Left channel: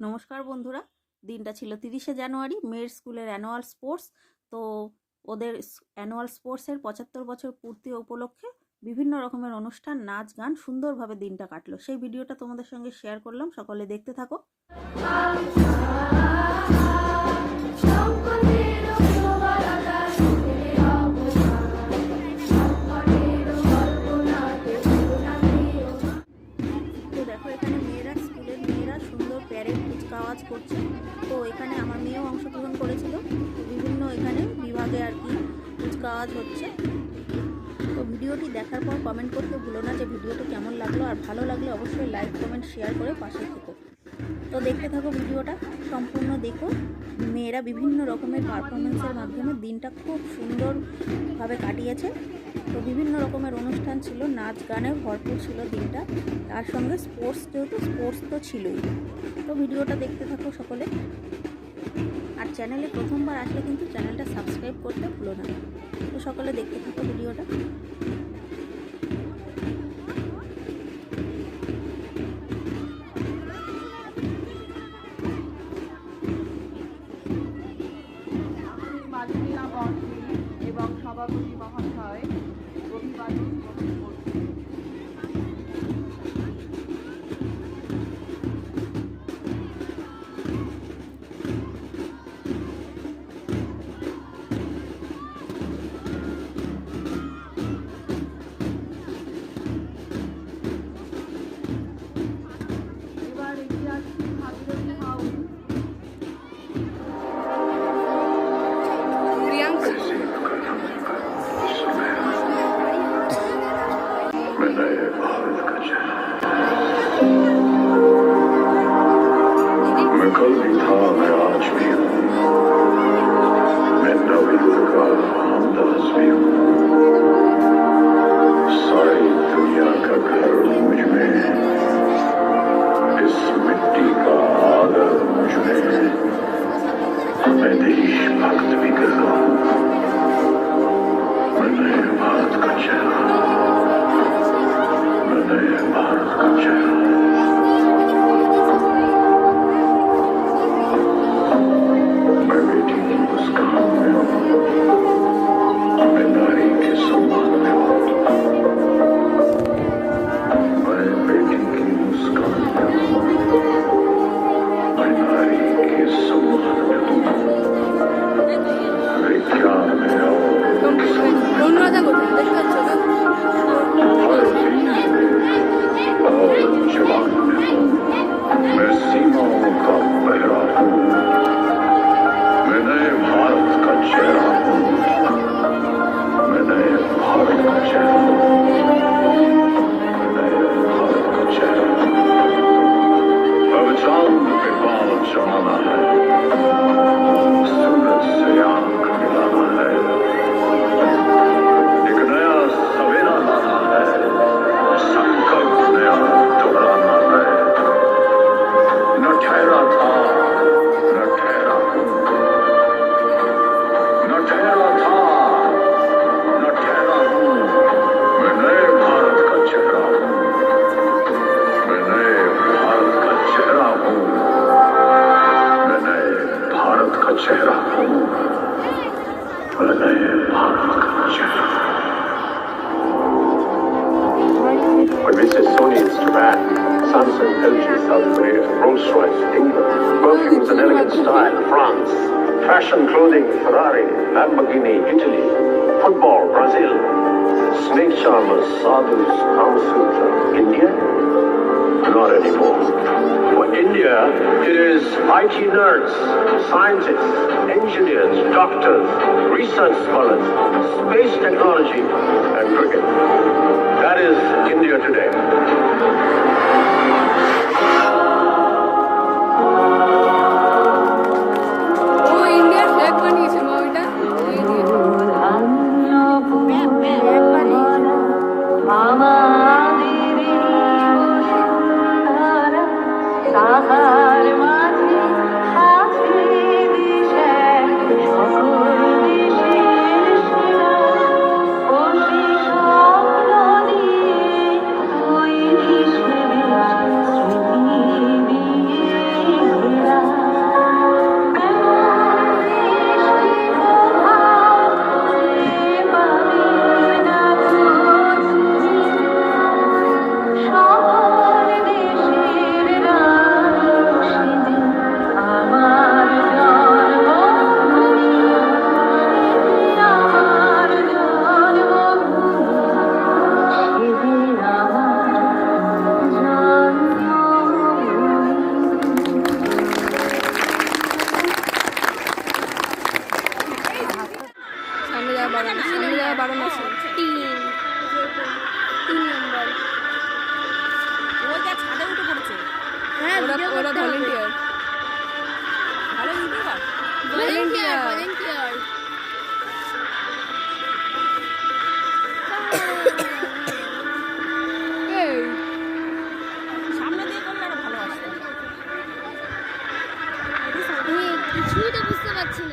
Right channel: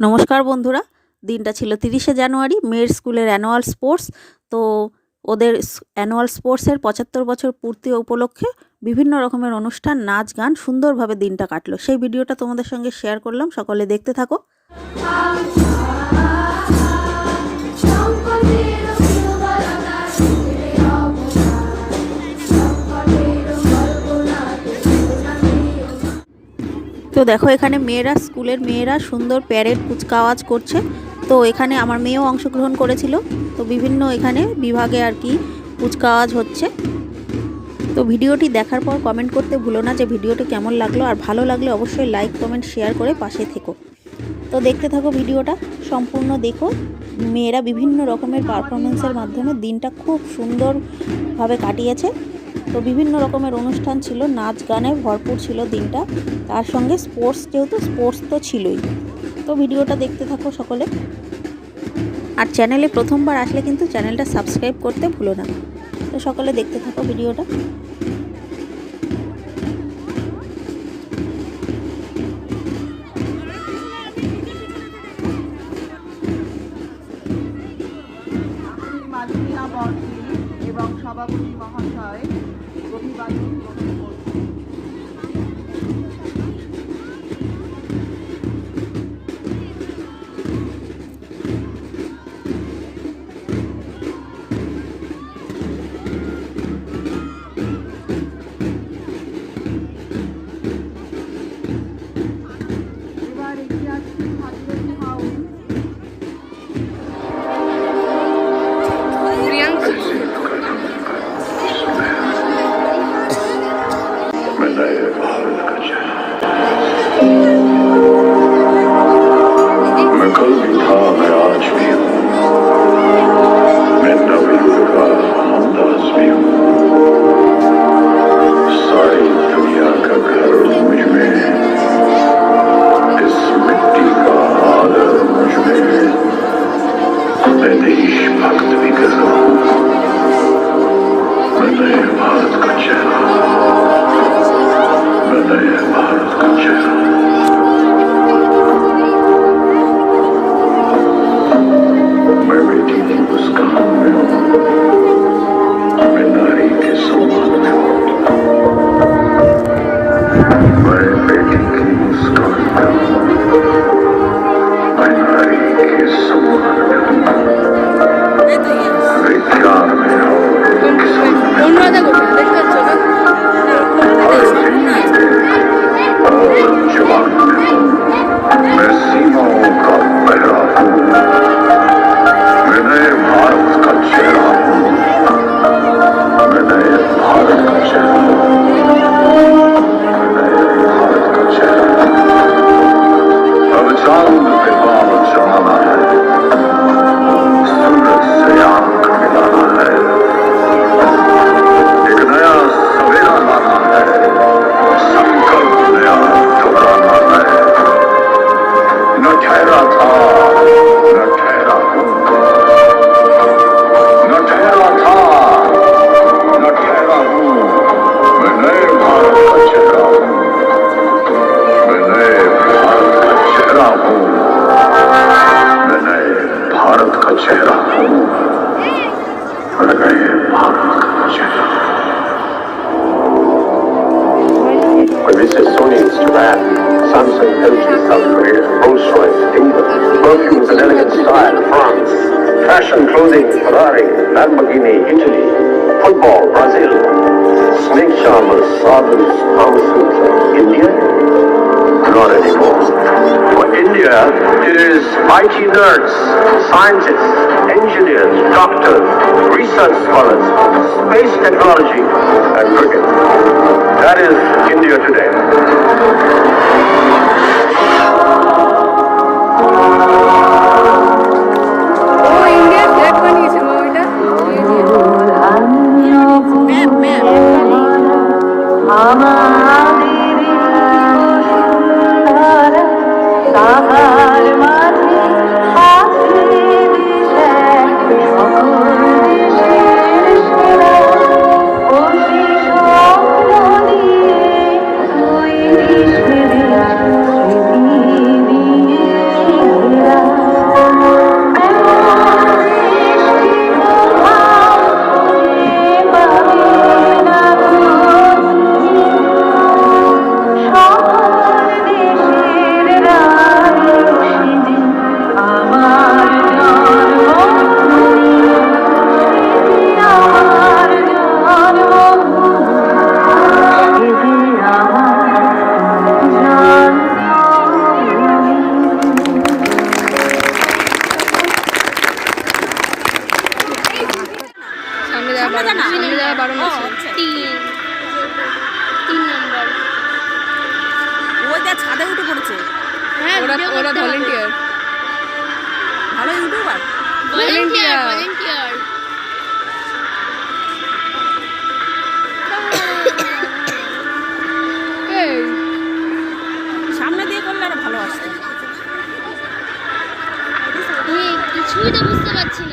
নমস্কার বন্ধুরা, দিনটা ছিল 30শে জানুয়ারি, মেয়ের স্কুলের অ্যানুয়াল স্পোর্টস। তো ওদের অ্যানুয়াল স্পোর্টসের 75 বছর পূর্তি উপলক্ষে বিভিন্ন রকমের অনুষ্ঠান, নাচ গান, সুন্দরভাবে দিনটা কাটলো। সেই ভিডিওটা তোমাদের সঙ্গে শেয়ার করলাম, সকলে দেখতে থাকো। তো দেখো, এখানে মেয়েরা, স্কুলের মেয়েরা সুন্দর প্যারেড কুচকাওয়াজ করছে। তো এখানে আমার মেয়েও অংশগ্রহণ করেছিল। তো বিভিন্ন এখানে বিভাগে আর কি কুচকাওয়াজ হচ্ছে। তো ভিডিওটি দেখার পর কমেন্ট করতে ভুলো না যে ভিডিওটি কেমন লাগলো, আর ভালো লাগলে অবশ্যই লাইক কমেন্ট শেয়ার করে পাশে থেকো। তো দেখতে থাকো, ভিডিওটা সম্পূর্ণ দেখো। মেয়েরা বিভিন্ন রকমের পারফরমেন্সের মাধ্যমে দিনটা খুব সুন্দরভাবে কাটিয়েছে। তো বিভিন্ন রকমের অনুষ্ঠান ছিল, নাচ গানে ভরপুর ছিল দিনটা। তার সঙ্গে স্পোর্টস, যেহেতু স্পোর্টস তো ছিলই। তো ভিডিওটা দেখতে থাকো সকলে। আর চ্যানেলে প্রথমবার আসলে কিন্তু চ্যানেলটা সাবস্ক্রাইব করতে ভুলো না। তো সকলে দেখতে থাকো ভিডিওটা। मैं कल भी था, मैं आज भी हूँ, मैं नबी का हमदास भी हूँ। सारी दुनिया का घर मुझ में है, इस मिट्टी का आदर मुझ में है। मैं देशभक्त भी कर रहा हूँ, मैं नए भारत का चेहरा, मैं नए भारत का चेहरा। मैं बेटी की मुस्कान में हूँ, मैं नारी के सम्मान में हूँ, मैं बेटी की मुस्कान में हूँ, मैं नारी के सम्मान में हूँ, विज्ञान में और जवान में हूँ, मैं सीमाओं का पहरा हूँ, मैं नए भारत का चेहरा हूँ, मैं नए भारत का चेहरा हूँ, मैं नए भारत का चेहरा हूँ। अब चांद के बाल चढ़ाना है, सूरज से आंख मिलाना है, एक नया सवेरा लाना है, संकल्प नया दोहराना है। न ठहरा था, न ठहरा हूँ, न ठहरा था, न ठहरा हूँ, मैं नए भारत का चेहरा हूँ, मैं नए भारत का चेहरा हूँ, मैं नए भारत का चेहरा हूँ, मैं नए भारत का चेहरा। Mrs. Sony Japan, Samsung LG South Korea, Rolls-Royce England, perfumes and elegant style France, fashion clothing Ferrari, Lamborghini Italy, football Brazil, snake charmers, sabers, pharmaceuticals India? Not anymore. For India, it is IT nerds, scientists, engineers, doctors, research scholars, space technology, and cricket. That is India today. Thank you. জানা? সামনে যাওয়া বারণ আছে। 3 নম্বর। ওই যা ছাদে উঠে পড়েছে। হ্যাঁ, ওরা video ওরা করতে হবে। ভলেন্টিয়ার। ভালো ইউটিউবার। Volunteer, Volunteer. volunteer। এই সামনে দিয়ে করলে আরো ভালো আসতো। আমি কিছুই তো বুঝতে পারছি